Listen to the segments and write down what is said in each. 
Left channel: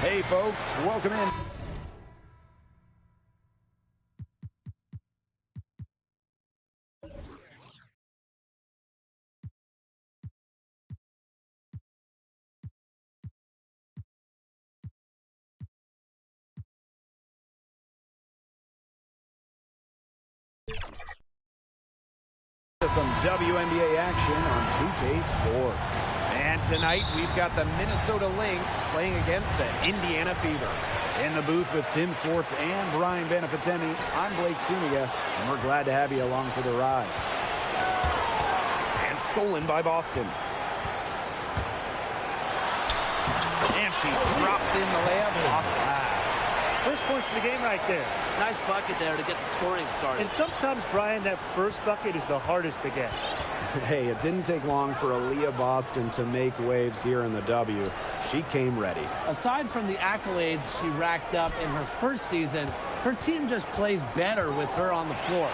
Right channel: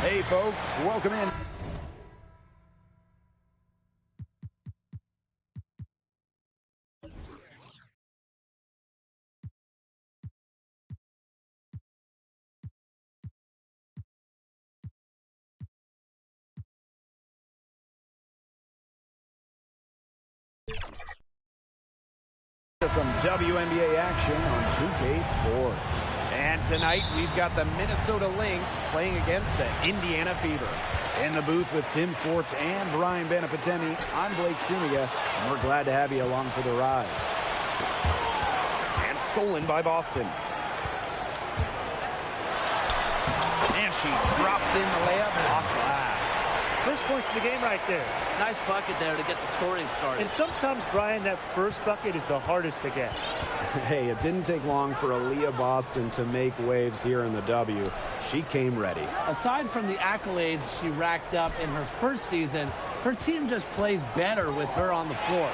Hey folks, welcome in. Some WNBA action on 2K Sports. And tonight we've got the Minnesota Lynx playing against the Indiana Fever. In the booth with Tim Swartz and Brian Benefitemi, I'm Blake Suniga, and we're glad to have you along for the ride. And stolen by Boston. And she drops in the layup off glass. First points of the game right there. Nice bucket there to get the scoring started. And sometimes, Brian, that first bucket is the hardest to get. Hey, it didn't take long for Aaliyah Boston to make waves here in the W. She came ready. Aside from the accolades she racked up in her first season, her team just plays better with her on the floor.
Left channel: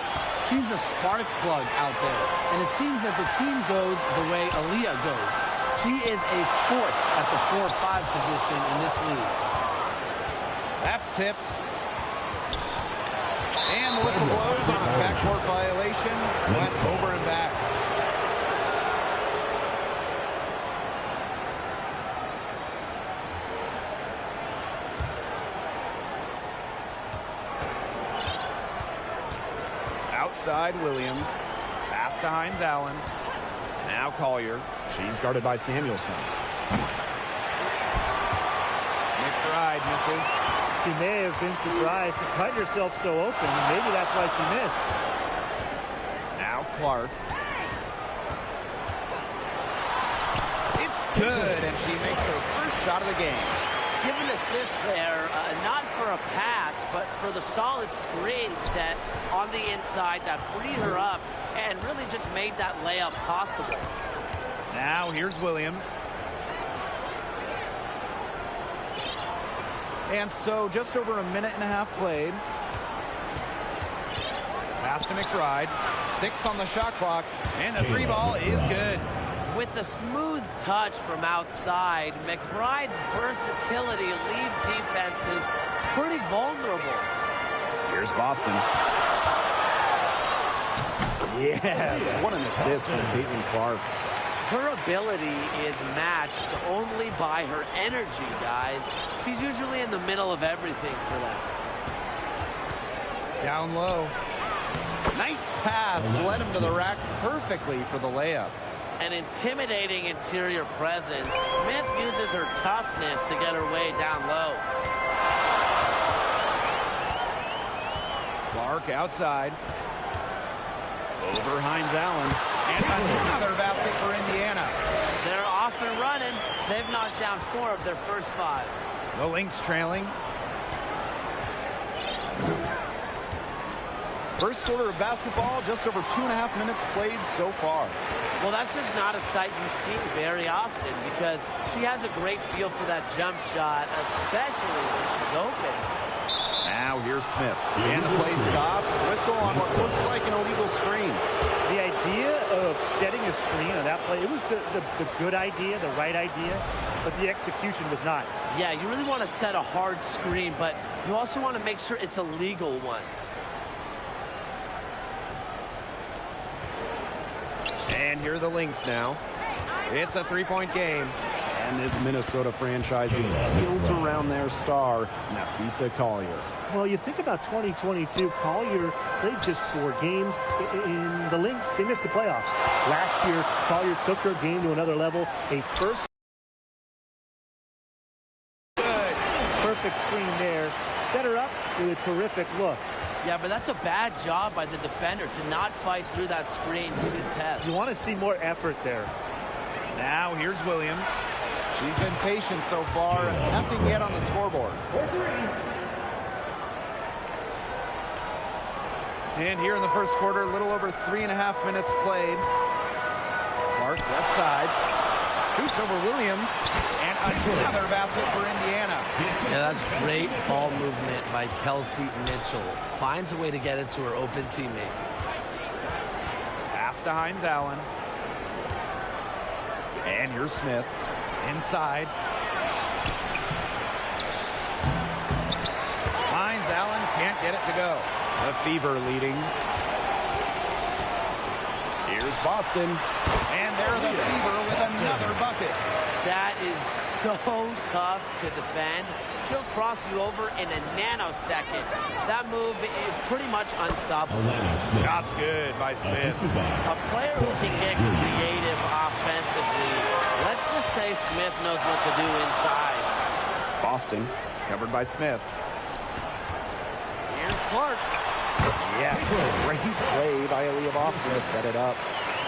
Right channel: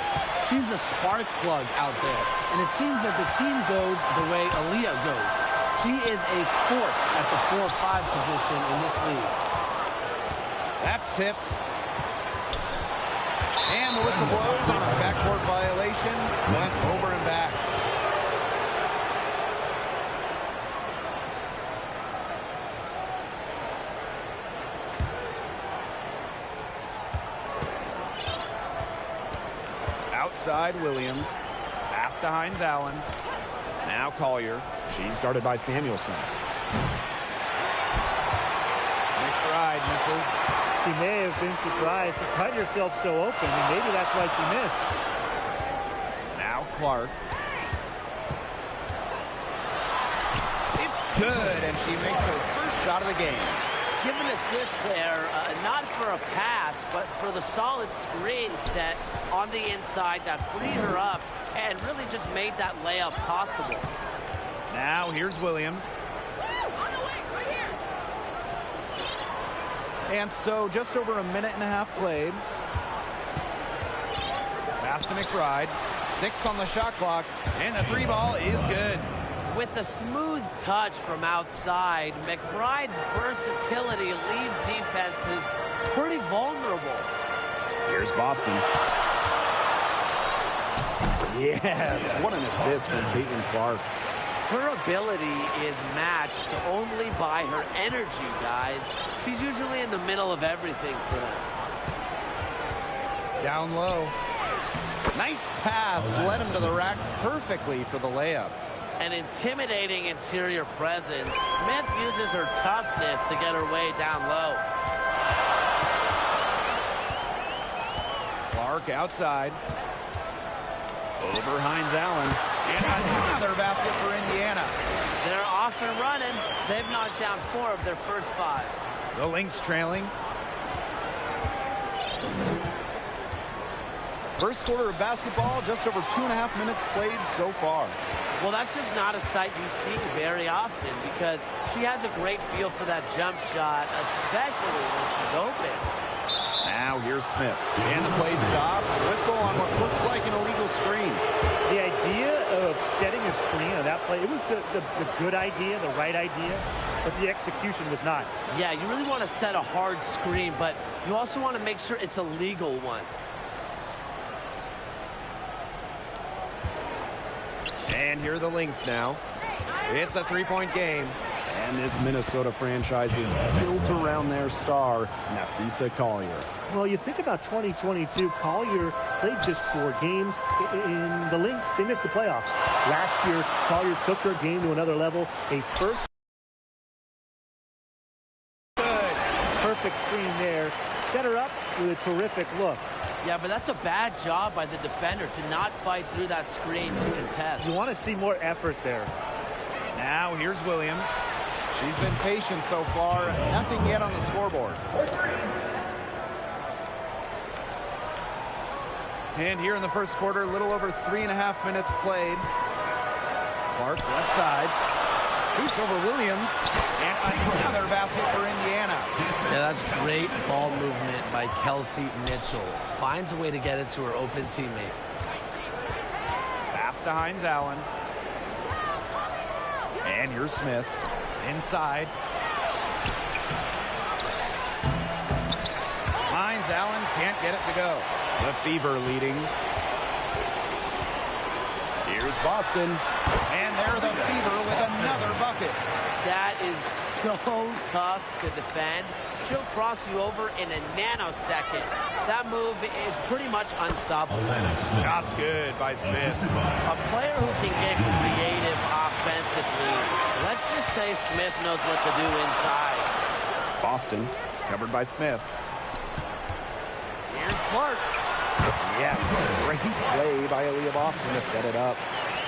She's a spark plug out there, and it seems that the team goes the way Aaliyah goes. She is a force at the 4-5 position in this league. That's tipped. And the whistle blows on a backcourt violation. Went over and back. Outside Williams. Pass to Hines Allen. Now Collier. She's guarded by Samuelson. McBride misses. She may have been surprised to find herself so open, and maybe that's why she missed. Now Clark. It's good, and she makes her first shot of the game. Give an assist there, not for a pass, but for the solid screen set on the inside that freed her up and really just made that layup possible. Now here's Williams. And so just over a minute and a half played. Pass to McBride. 6 on the shot clock. And the 3 ball is good. With a smooth touch from outside, McBride's versatility leaves defenses pretty vulnerable. Here's Boston. Yes, what an assist from Caitlin Clark. Her ability is matched only by her energy, guys. She's usually in the middle of everything for them. Down low. Nice pass. Led him to the rack perfectly for the layup. An intimidating interior presence. Smith uses her toughness to get her way down low. Clark outside. Over Hines Allen. And another basket for Indiana. They're off and running. They've knocked down 4 of their first 5. The Lynx trailing. First quarter of basketball, just over 2.5 minutes played so far. Well, that's just not a sight you see very often because she has a great feel for that jump shot, especially when she's open. Now here's Smith. And the play stops. Whistle on what looks like an illegal screen. The idea of setting a screen on that play, it was the good idea, the right idea, but the execution was not. Yeah, you really want to set a hard screen, but you also want to make sure it's a legal one. And here are the Lynx now. It's a 3-point game. And this Minnesota franchise is built around their star, Napheesa Collier. Well, you think about 2022, Collier played just 4 games. In the Lynx, they missed the playoffs. Last year, Collier took her game to another level. A first Good. perfect screen there. Set her up with a terrific look. Yeah, but that's a bad job by the defender to not fight through that screen to contest. You want to see more effort there. Now here's Williams. She's been patient so far. Nothing yet on the scoreboard. And here in the first quarter, a little over 3.5 minutes played. Clark left side. Shoots over Williams. And another basket for Indiana. Yeah, that's great ball movement by Kelsey Mitchell. Finds a way to get it to her open teammate. Pass to Hines Allen. And here's Smith. Inside. Hines Allen can't get it to go. The Fever leading. Here's Boston. And there the Fever with another bucket. That is so tough to defend. She'll cross you over in a nanosecond. That move is pretty much unstoppable. Shots good by Smith. A player who can get creative offensively. Let's just say Smith knows what to do inside. Boston covered by Smith. Here's Clark. Yes, great play by Aaliyah Boston to set it up.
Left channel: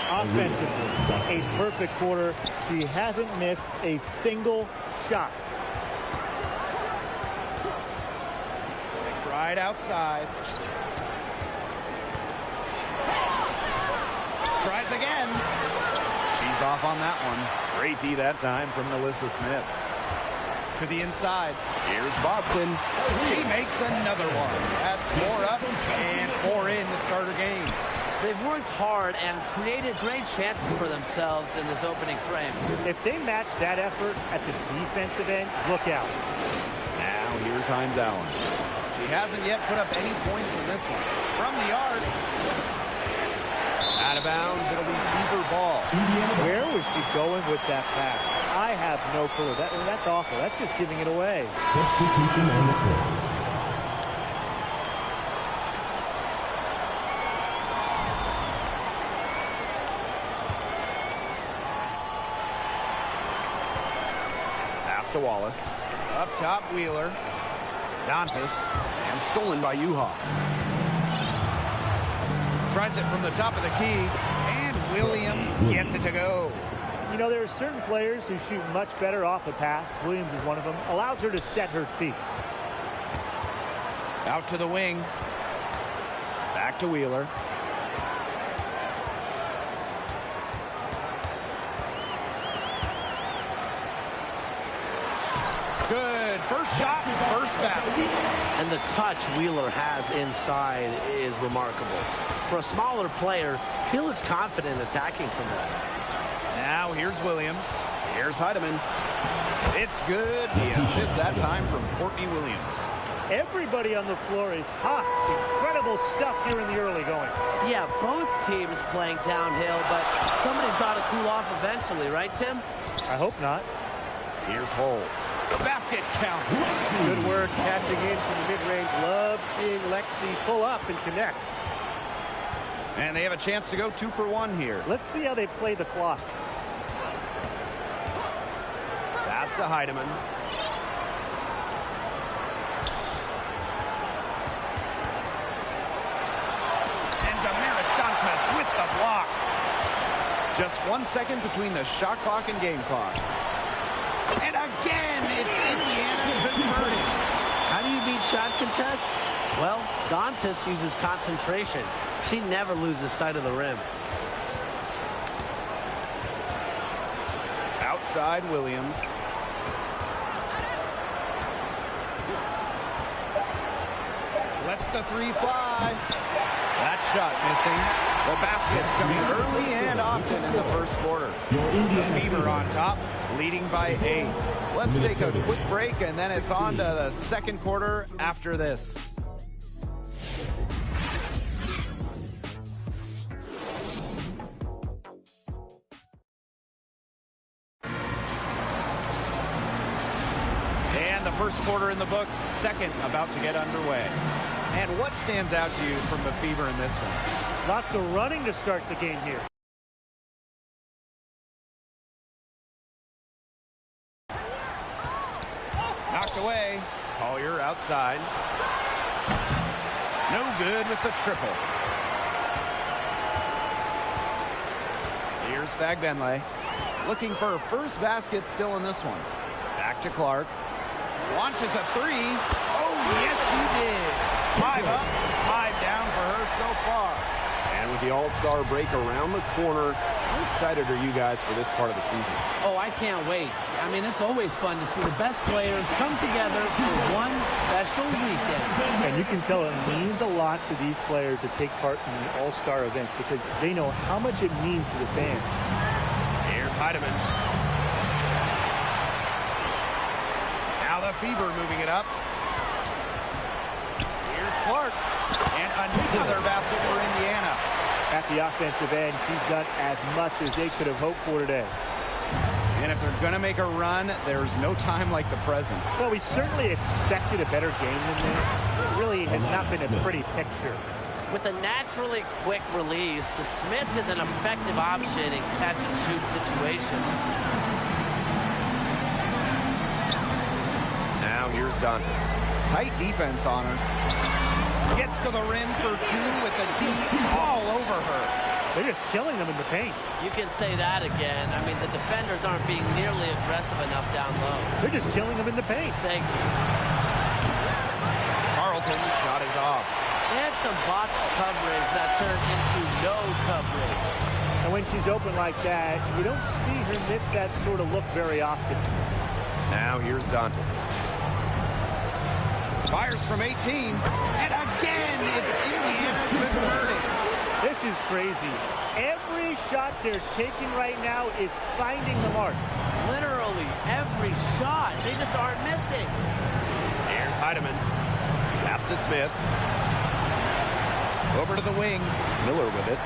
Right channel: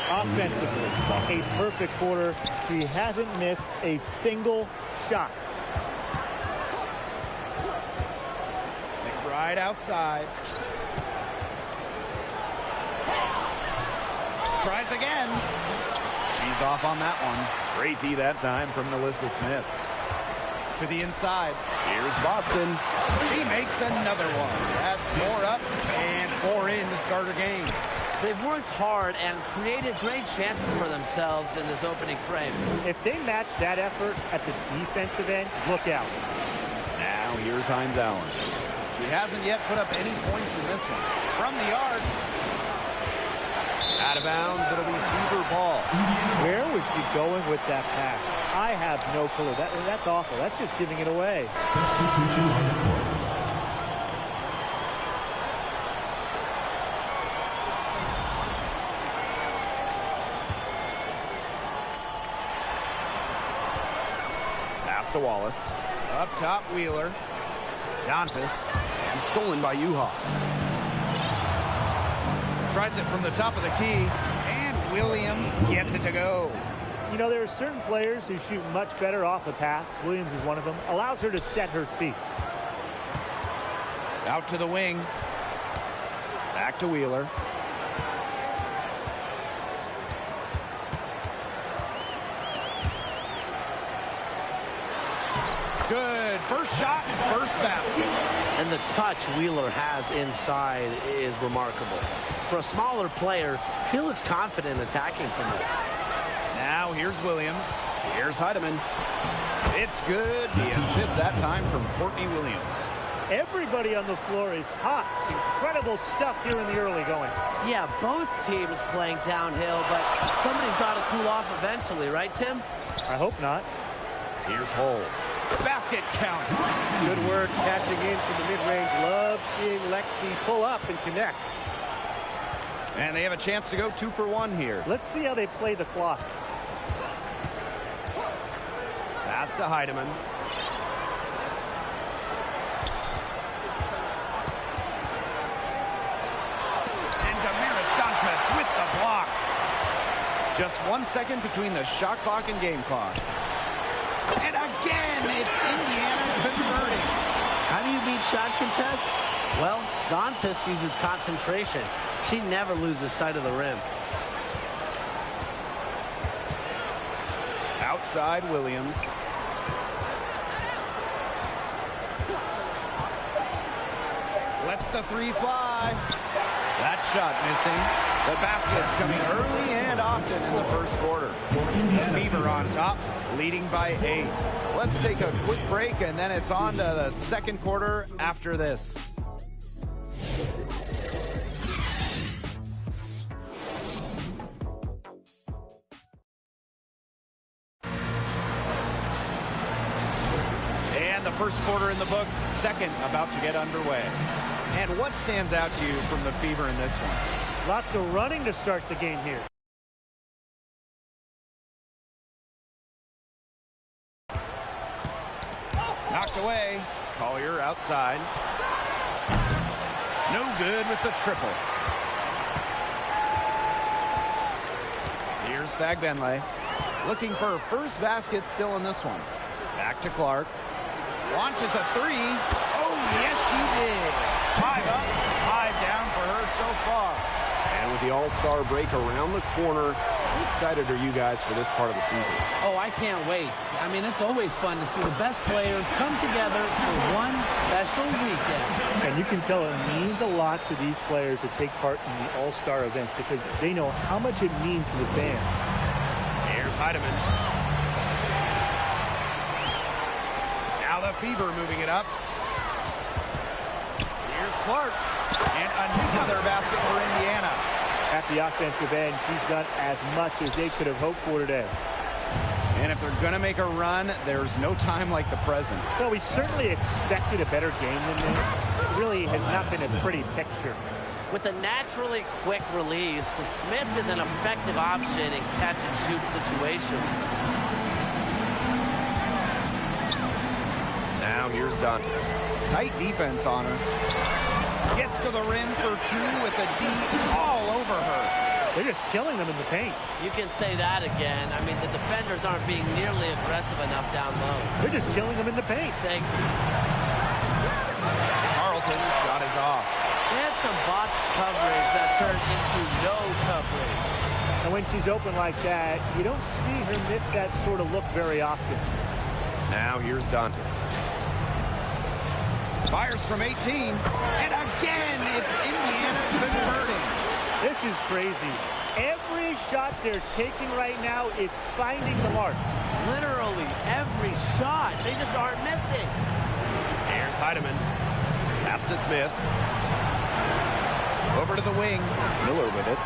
Offensively, a perfect quarter. She hasn't missed a single shot. McBride outside. Tries again. She's off on that one. Great D that time from Melissa Smith. To the inside. Here's Boston. She makes another one. That's 4 up and 4 in to start her game. They've worked hard and created great chances for themselves in this opening frame. If they match that effort at the defensive end, look out. Now here's Hines Allen. She hasn't yet put up any points in this one. From the arc. Out of bounds, it'll be Fever ball. Where was she going with that pass? I have no clue. That's awful. That's just giving it away. Substitution on the court. Pass to Wallace. Up top, Wheeler. Dantas. And stolen by Uhas. Tries it from the top of the key. And Williams gets it to go. You know, there are certain players who shoot much better off a pass. Williams is one of them. Allows her to set her feet. Out to the wing. Back to Wheeler. Good. First shot, first basket. And the touch Wheeler has inside is remarkable. For a smaller player, she looks confident attacking from there. Now here's Williams. Here's Heidemann. It's good. The assist that time from Courtney Williams. Everybody on the floor is hot. It's incredible stuff here in the early going. Yeah, both teams playing downhill, but somebody's got to cool off eventually, right, Tim? I hope not. Here's Hull. Basket counts. Good work catching in from the mid-range. Love seeing Lexi pull up and connect. And they have a chance to go 2 for 1 here. Let's see how they play the clock. Pass to Heidemann. And Damaris Dantas with the block. Just 1 second between the shot clock and game clock. And again, it's Indiana converting. How do you beat shot contests? Well, Dantas uses concentration. She never loses sight of the rim. Outside Williams. Lets the 3 fly. That shot missing. The basket's coming early and often in the first quarter. The Fever on top, leading by 8. Let's take a quick break, and then it's on to the second quarter after this. And the first quarter in the books, second about to get underway. And what stands out to you from the Fever in this one? Lots of running to start the game here. Knocked away. Collier outside. No good with the triple. Here's Fagbenle. Looking for her first basket still in this one. Back to Clark. Launches a 3. Oh, yes, she did. 5 up, 5 down for her so far. And with the All-Star break around the corner, how excited are you guys for this part of the season? Oh, I can't wait. I mean, it's always fun to see the best players come together for one special weekend. And you can tell it means a lot to these players to take part in the All-Star events because they know how much it means to the fans. Here's Heidemann. Now the Fever moving it up. Clark. And another basket for Indiana. At the offensive end, she's done as much as they could have hoped for today. And if they're going to make a run, there's no time like the present. Well, we certainly expected a better game than this. It really has not been a pretty picture. With a naturally quick release, Smith is an effective option in catch-and-shoot situations. Now here's Dantas. Tight defense on her. Gets to the rim for two with the D all over her. They're just killing them in the paint. You can say that again. I mean, the defenders aren't being nearly aggressive enough down low. They're just killing them in the paint. Thank you. Carlton's shot is off. They had some botched coverage that turned into no coverage. And when she's open like that, you don't see her miss that sort of look very often. Now here's Dantas. Fires from 18. And again, it's Indiana converting. This is crazy. Every shot they're taking right now is finding the mark. Literally every shot. They just aren't missing. Here's Heidemann. Pass to Smith. Over to the wing. Miller with it.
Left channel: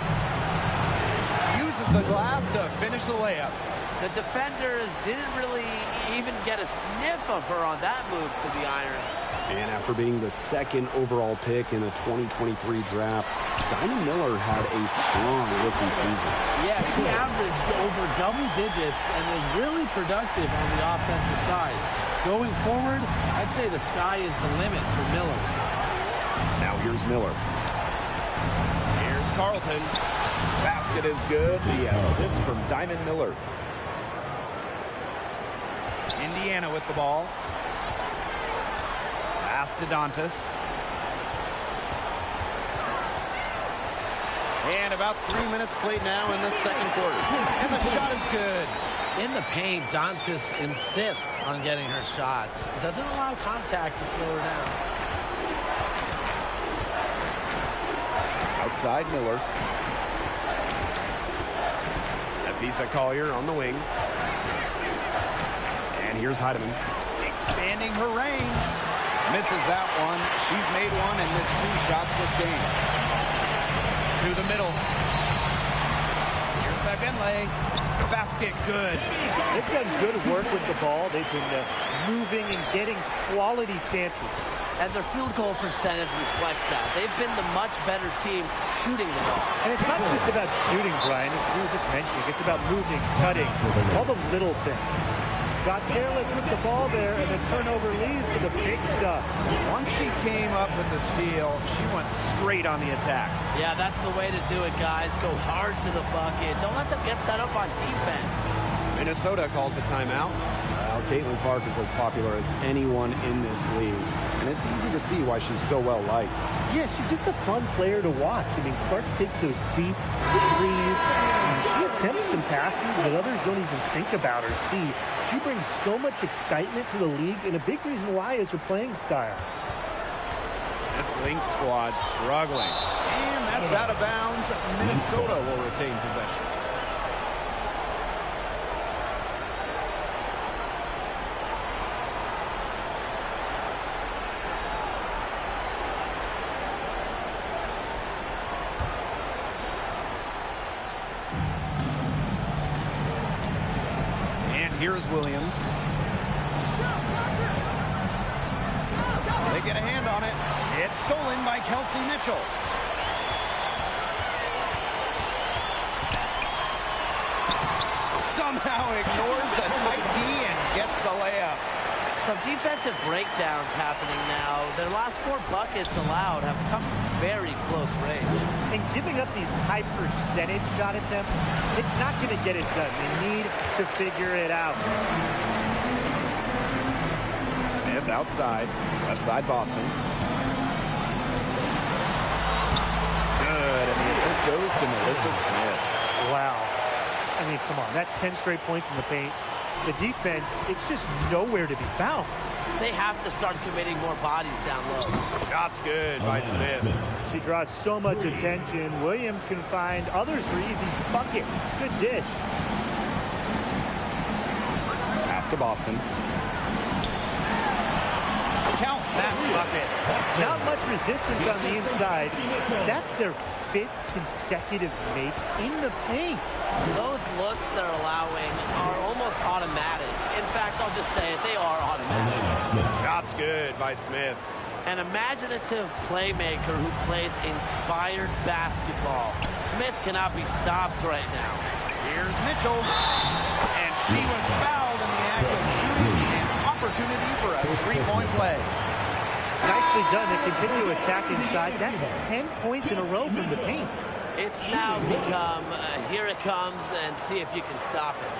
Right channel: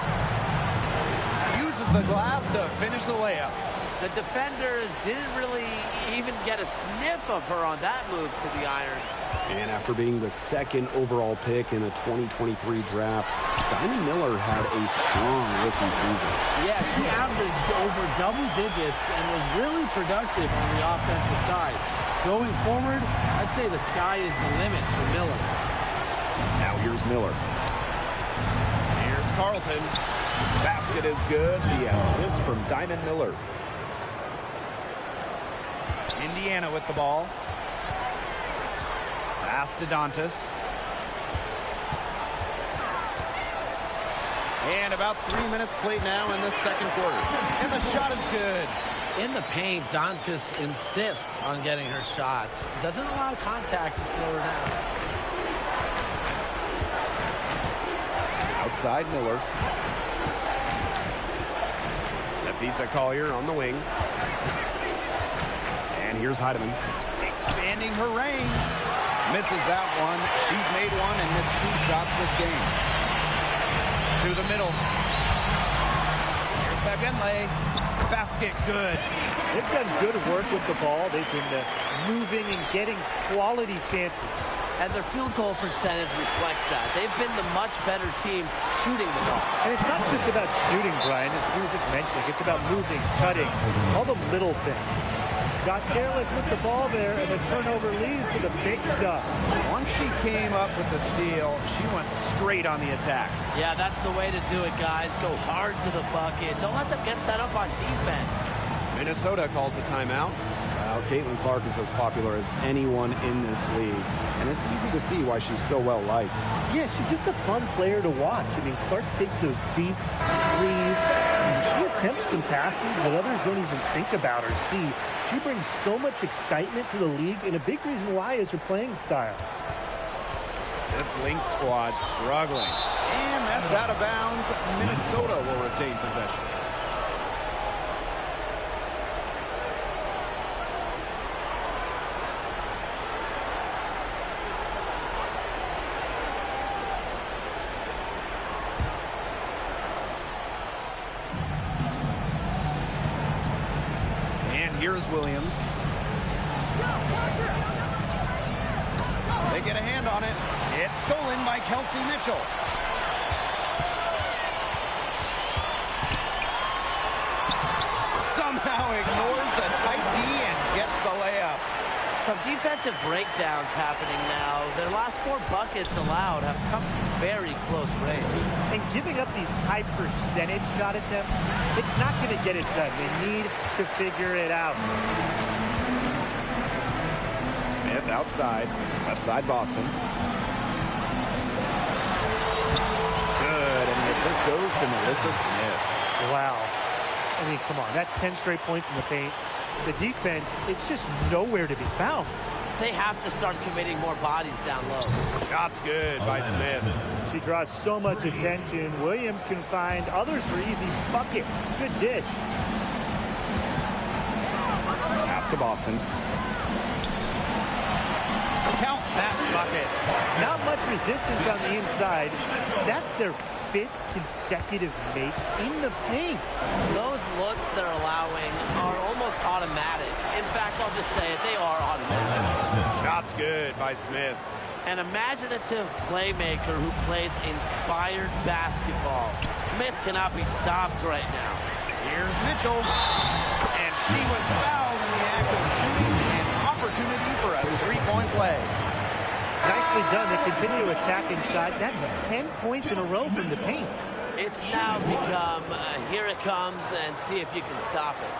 Uses the glass to finish the layup. The defenders didn't really even get a sniff of her on that move to the iron. And after being the second overall pick in a 2023 draft, Diamond Miller had a strong rookie season. Yeah, she averaged over double digits and was really productive on the offensive side. Going forward, I'd say the sky is the limit for Miller. Now here's Miller. Here's Carlton. Basket is good. The assist from Diamond Miller. Indiana with the ball. Pass to Dantas. And about 3 minutes played now in this second quarter. And the shot is good. In the paint, Dantas insists on getting her shot. Doesn't allow contact to slow her down. Outside Miller. Nafisa Collier on the wing. And here's Heidemann. Expanding her range. Misses that one. She's made one and missed 2 shots this game. To the middle. Here's Wnba. Basket good. They've done good work with the ball. They've been moving and getting quality chances. And their field goal percentage reflects that. They've been the much better team shooting the ball. And it's not just about shooting, Brian, as we were just mentioning. It's about moving, cutting, all the little things. Got careless with the ball there, and the turnover leads to the big stuff. Once she came up with the steal, she went straight on the attack. Yeah, that's the way to do it, guys. Go hard to the bucket. Don't let them get set up on defense. Minnesota calls a timeout. Well, Caitlin Clark is as popular as anyone in this league, and it's easy to see why she's so well liked. Yeah, she's just a fun player to watch. I mean, Clark takes those deep threes, and she attempts some passes that others don't even think about or see. She brings so much excitement to the league, and a big reason why is her playing style. This Lynx squad struggling. And that's out of bounds. Minnesota will retain possession. And here's Williams. They get a hand on it. It's stolen by Kelsey Mitchell. Somehow ignores the tight D and gets the layup. Some defensive breakdowns happening now. Their last 4 buckets allowed have come from very close range. And giving up these high percentage shot attempts, it's not going to get it done. They need to figure it out. Smith outside. Left side Boston. Good, and the assist goes to Melissa Smith. Wow. I mean, come on. That's 10 straight points in the paint. The defense, it's just nowhere to be found. They have to start committing more bodies down low. Shot's good by Smith. She draws so much attention. Williams can find others for easy buckets. Good dish. Pass to Boston. count that bucket. Not much resistance on the inside. That's their 5th consecutive make in the paint. Those looks they're allowing are almost automatic. In fact, I'll just say it, they are automatic. Shots good by Smith. An imaginative playmaker who plays inspired basketball. Smith cannot be stopped right now. Here's Mitchell. And she was fouled in the act of shooting, an opportunity for a three-point play. Nicely done to continue to attack inside. That's 10 points in a row from the paint. It's now become, here it comes, and see if you can stop it.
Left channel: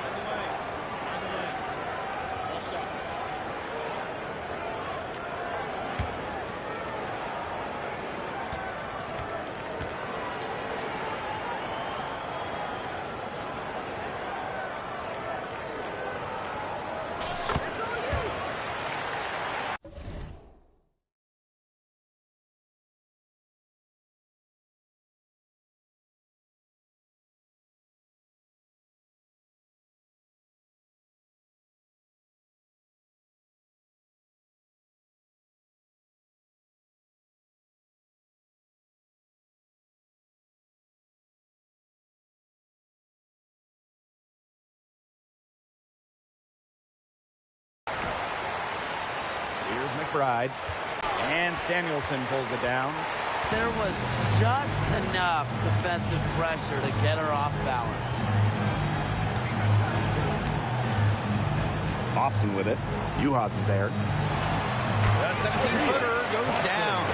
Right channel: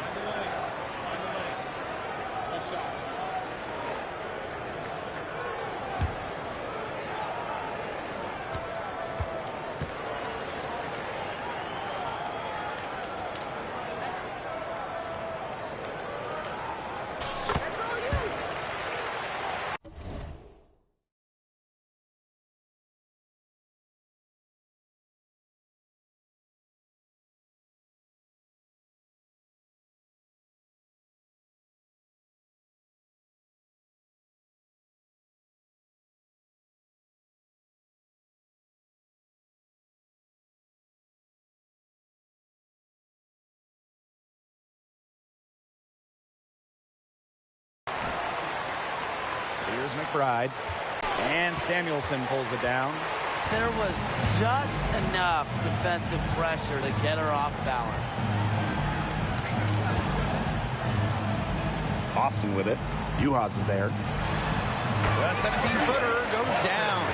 Mind the lanes. Mind the lanes. One shot. Here's McBride. And Samuelson pulls it down. There was just enough defensive pressure to get her off balance. Boston with it. Uhas is there. The 17-footer goes down.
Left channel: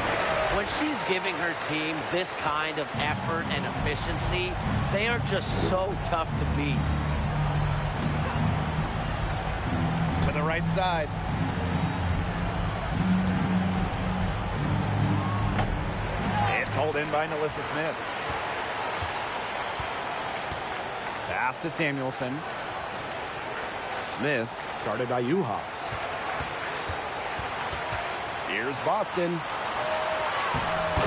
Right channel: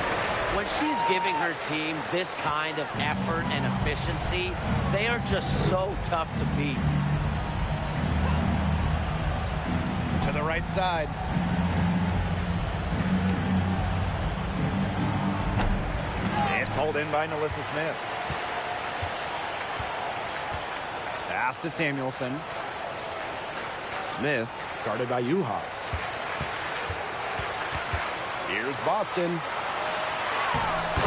When she's giving her team this kind of effort and efficiency, they are just so tough to beat. To the right side. It's hauled in by Nalissa Smith. Pass to Samuelson. Smith guarded by Uhas. Here's Boston.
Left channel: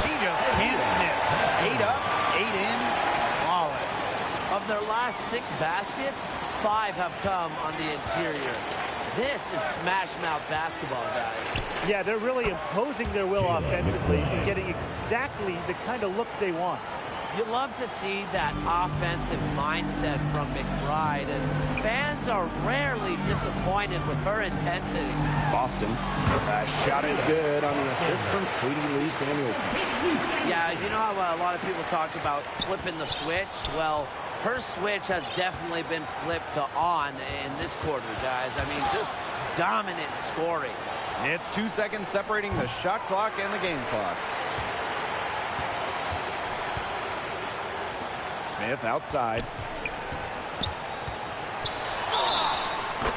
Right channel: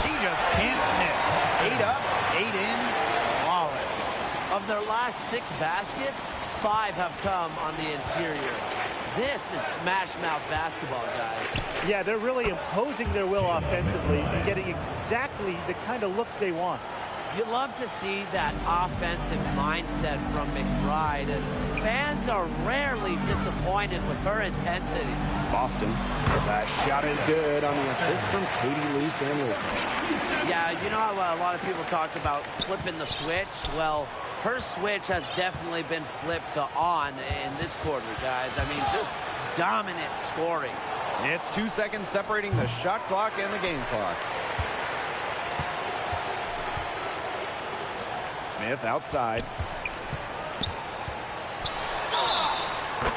She just can't miss. 8 up, 8 in, flawless. Of their last 6 baskets, 5 have come on the interior. This is smash-mouth basketball, guys. Yeah, they're really imposing their will offensively and getting exactly the kind of looks they want. You love to see that offensive mindset from McBride, and fans are rarely disappointed with her intensity. Boston. That shot is good on the assist from Katie Lou Samuelson. Yeah, you know how a lot of people talk about flipping the switch? Well, her switch has definitely been flipped to on in this quarter, guys. I mean, just dominant scoring. It's 2 seconds separating the shot clock and the game clock. Smith outside.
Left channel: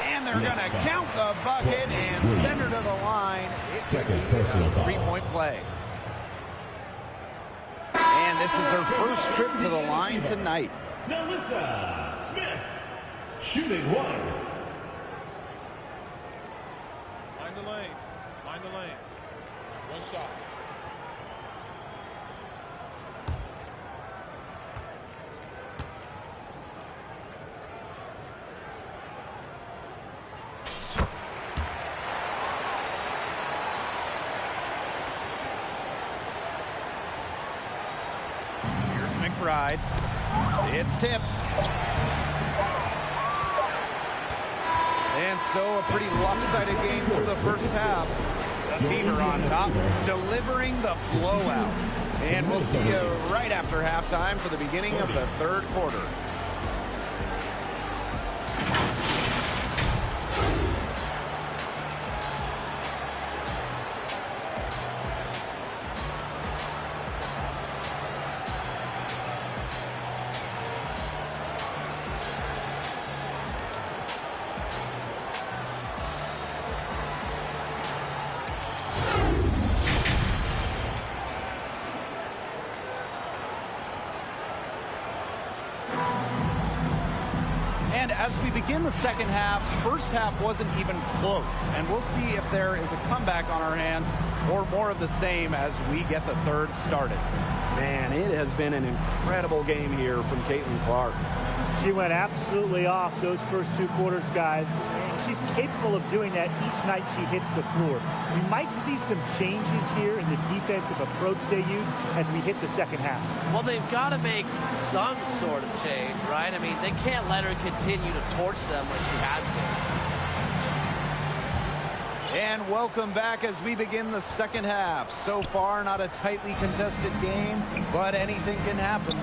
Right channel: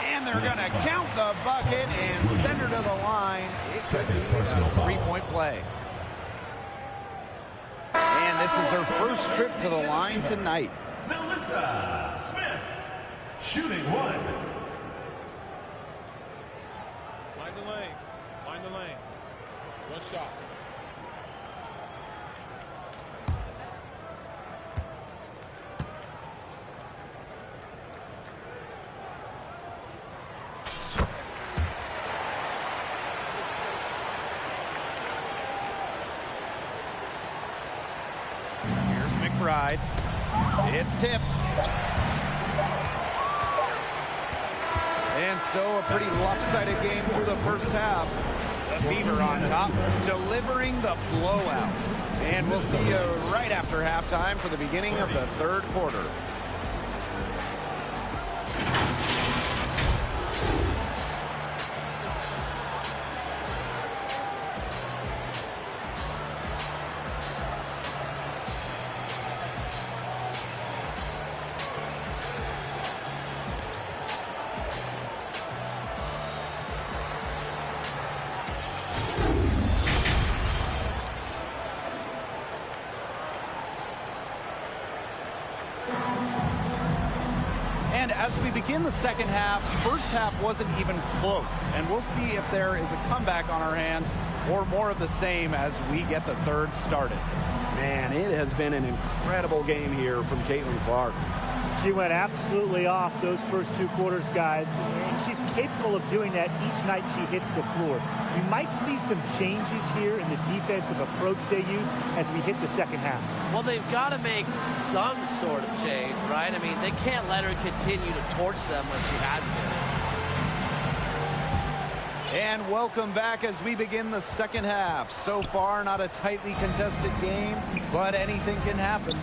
And they're going to count the bucket and send her to the line. It could be a three-point play. And this is her first trip to the line tonight. Nalissa Smith, shooting 1. Mind the lanes. Mind the lanes. One shot. Here's McBride. It's tipped. And so a pretty lopsided game through the first half. The Fever on top, delivering the blowout. And we'll see you right after halftime for the beginning of the third quarter. And as we begin the second half, first half wasn't even close. And we'll see if there is a comeback on our hands or more of the same as we get the third started. Man, it has been an incredible game here from Caitlin Clark. She went absolutely off those first 2 quarters, guys, and she's capable of doing that each night she hits the floor. We might see some changes here in the defensive approach they use as we hit the second half. Well, they've got to make some sort of change, right? I mean, they can't let her continue to torch them like she has been. And welcome back as we begin the second half. So far, not a tightly contested game, but anything can happen.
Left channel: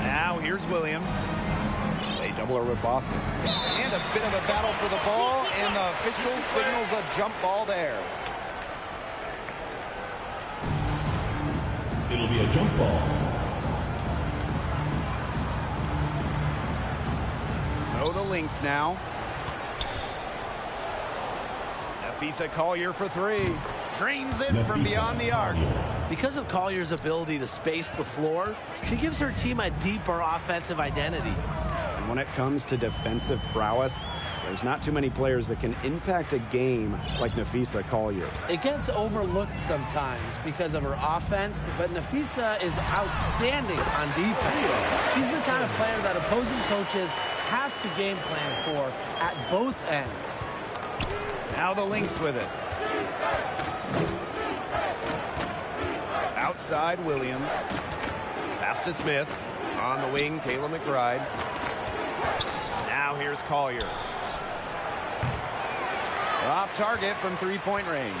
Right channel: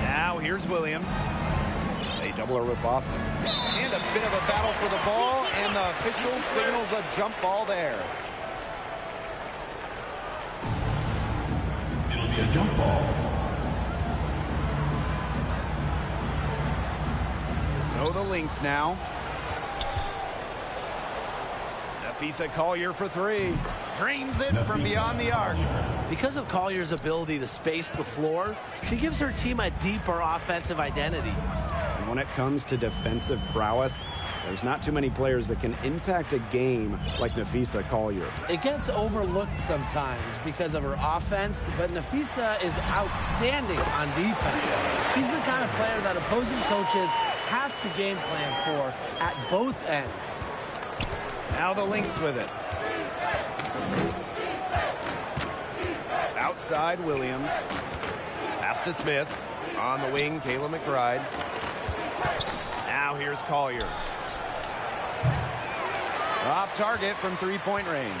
Now, here's Williams. They double her with Boston. And a bit of a battle for the ball, and the official signals a jump ball there. It'll be a jump ball. So the Lynx now. Nafisa Collier for 3. Drains it from beyond the arc. Because of Collier's ability to space the floor, she gives her team a deeper offensive identity. And when it comes to defensive prowess, there's not too many players that can impact a game like Nafisa Collier. It gets overlooked sometimes because of her offense, but Nafisa is outstanding on defense. She's the kind of player that opposing coaches have to game plan for at both ends. Now the Lynx with it. Outside Williams. Pass to Smith. On the wing, Kayla McBride. Now here's Collier. Off target from 3-point range.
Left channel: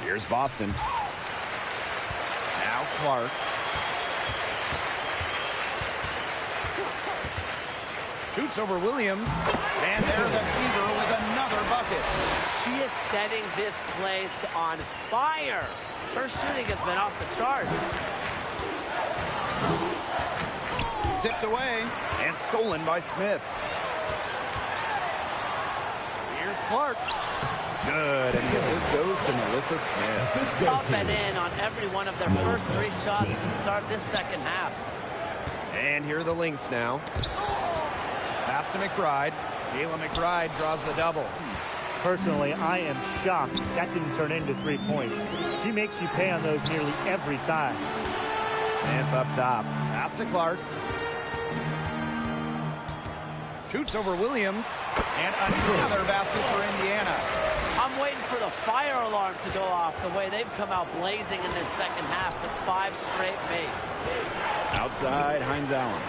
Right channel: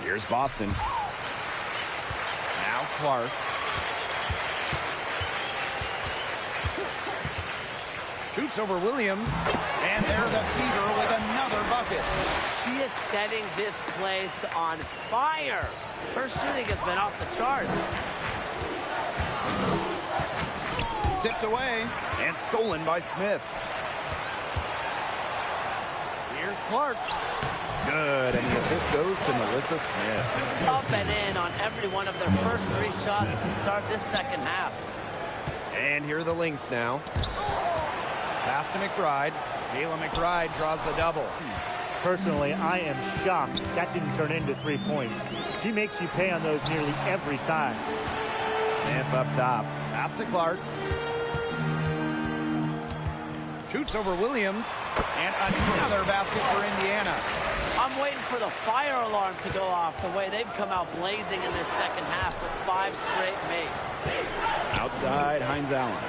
Here's Boston. Now Clark. Shoots over Williams. And there the Fever with another bucket. She is setting this place on fire. Her shooting has been off the charts. Tipped away and stolen by Smith. Here's Clark. Good, and the assist goes to Melissa Smith. Up and in on every one of their first 3 shots to start this second half. And here are the Lynx now. Pass to McBride. Kayla McBride draws the double. Personally, I am shocked that didn't turn into 3 points. She makes you pay on those nearly every time. Smith up top. Pass to Clark. Shoots over Williams. And another basket for Indiana. I'm waiting for the fire alarm to go off the way they've come out blazing in this second half with 5 straight makes. Outside, Hines Allen.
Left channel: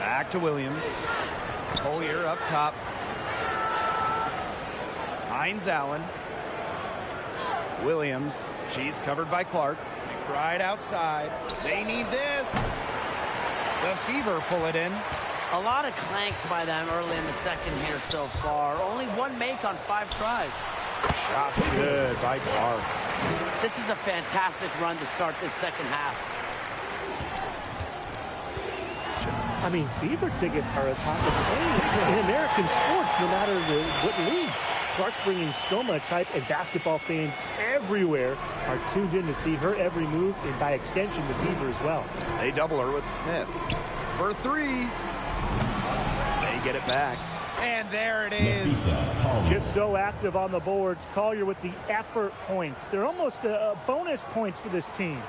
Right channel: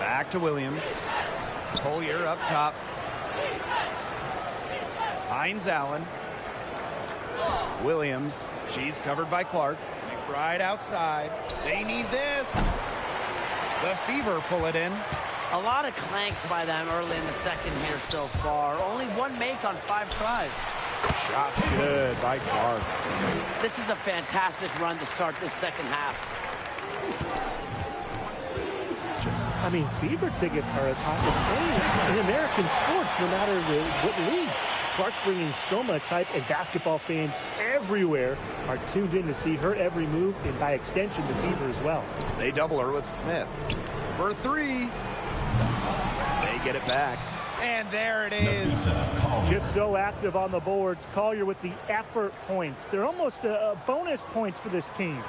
Back to Williams. Collier up top. Hines Allen. Williams. She's covered by Clark. McBride outside. They need this. The Fever pull it in. A lot of clanks by them early in the second here so far. Only 1 make on 5 tries. Shots good by Clark. This is a fantastic run to start this second half. I mean, Fever tickets are as hot as any in American sports, no matter what league. Clark bringing so much hype, and basketball fans everywhere are tuned in to see her every move, and by extension, the Fever as well. They double her with Smith. For 3. They get it back. And there it is. Just so active on the boards. Collier with the effort points. They're almost bonus points for this team.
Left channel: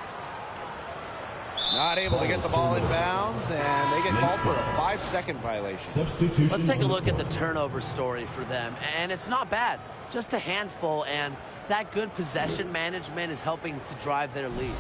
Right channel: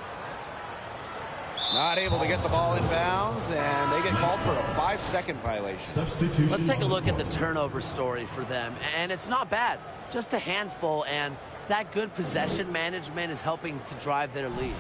Not able to get the ball in bounds, and they get called for a 5-second violation. Substitution. Let's take a look at the turnover story for them. And it's not bad. Just a handful, and that good possession management is helping to drive their lead.